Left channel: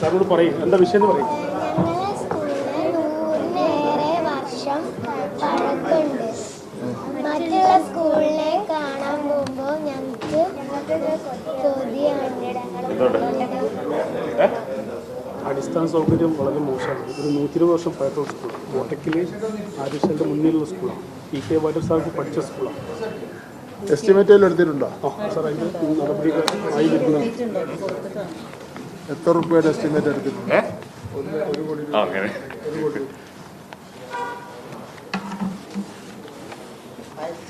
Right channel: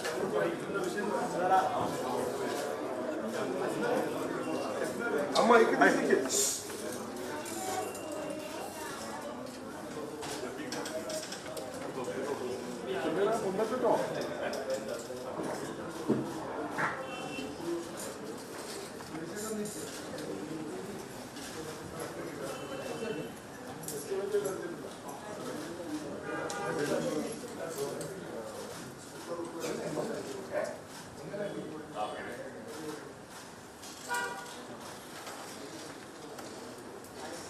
സാറോട് പറയും. എന്താ വിഷയം എന്ന് പറയും. മറ്റുള്ള സ്കൂളിനെ കാണാൻ പോകുമ്പോൾ ഞങ്ങൾക്ക്? അടിസ്ഥാന സൗകര്യം വളരെ മോശമാണ്. ഒരു നൂറ്റി ഇരുപത് വർഷം പഴക്കമുള്ള സ്കൂൾ. കോട്ടക്കിൽ ആദിശന്റെ മുന്നിലുള്ള സ്കൂളാണ്. പി കെ വാട്ടർ സാഹിബ് പഠിച്ച സ്കൂളാണ്. എസ്റ്റിമേറ്റ് എടുത്തിട്ടുണ്ടോ? സാർ അതിന്റെ നടപടികൾ ആയി എത്ര റുപ്യയുടെ എസ്റ്റിമേറ്റ് എടുത്തിട്ടുണ്ട് അങ്ങനെ.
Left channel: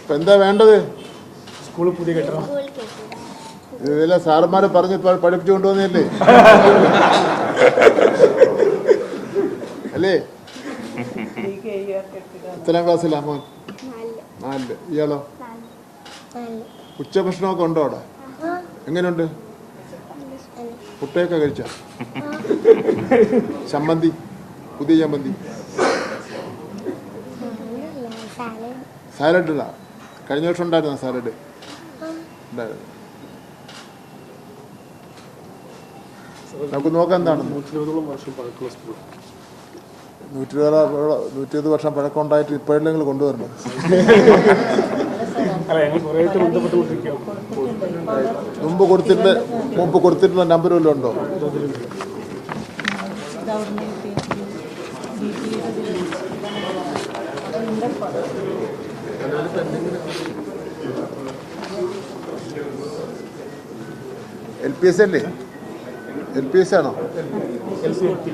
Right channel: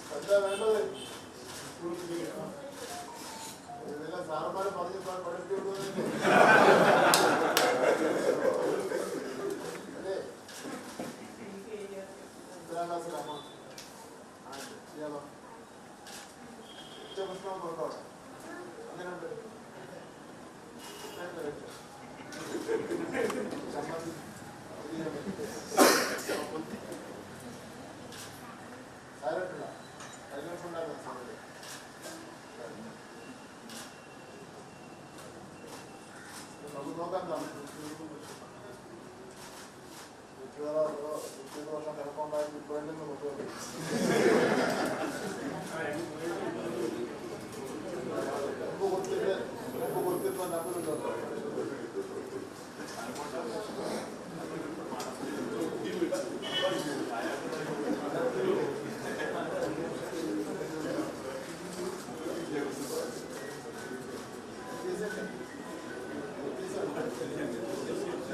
ഇപ്പൊ എന്താ വേണ്ടത്? സ്കൂൾ പുതിയ കെട്ടണം ഇതെല്ലാം സാറന്മാരെ പറഞ്ഞ് പഠിപ്പിച്ചു കൊണ്ടുവന്നല്ലേ അല്ലേ? എത്രാം ക്ലാസ്സിലാ മോൻ? നാലിൽ. ഇയാളോ? ഉച്ചഭക്ഷണമൊക്കെ ഉണ്ടോ അവിടെ? എങ്ങനെയുണ്ട്? മുട്ടയൊക്കെ കഴിച്ച? ചമ്മന്തി പുതിയ ചമ്മന്തി. സാലഡ് ഇടാ. കഴിഞ്ഞ വർഷം ഉണ്ടായിരുന്നോ സാലഡ്? ഉണ്ടായിരുന്നു. നമുക്ക് നോക്കാം എന്താണ്. നൂറ്റി ഇരുപതോളം വർഷം പഴക്കമുള്ള സ്കൂൾ. നൂറ്റി ഇരുപത് വർഷം പഴക്കം ഉണ്ടായിട്ട് ഇപ്പോഴെങ്കിലും കൊണ്ടുവരണം. മുമ്പ് കൊടുത്തിട്ട് മുമ്പ് കൊടുത്തിരുന്ന നമ്പർ വല്ലതും ഉണ്ടോ? എൽ പി എസ് അല്ലേ? എൽ പി എസ് ആണോ എൽ സി എൽ പി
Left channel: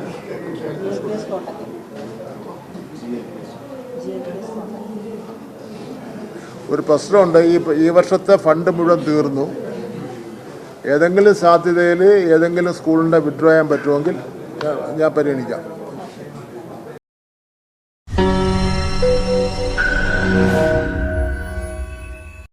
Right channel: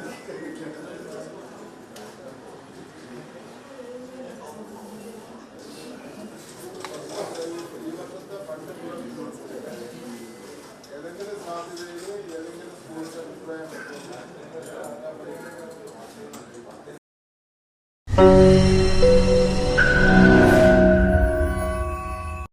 ഒരു പ്രശ്നമുണ്ട്. ഈ ഈ വർഷത്തെ ഫണ്ട് മുഴുവൻ തീർന്നു. ഏതെങ്കിലും സാധ്യതയിൽ ഏതെങ്കിലും സ്കൂളിന്റെ വിഡ്രോ ചെയ്യാൻ പറ്റുമെങ്കിൽ ഞാൻ- പരിഗണിക്കാം.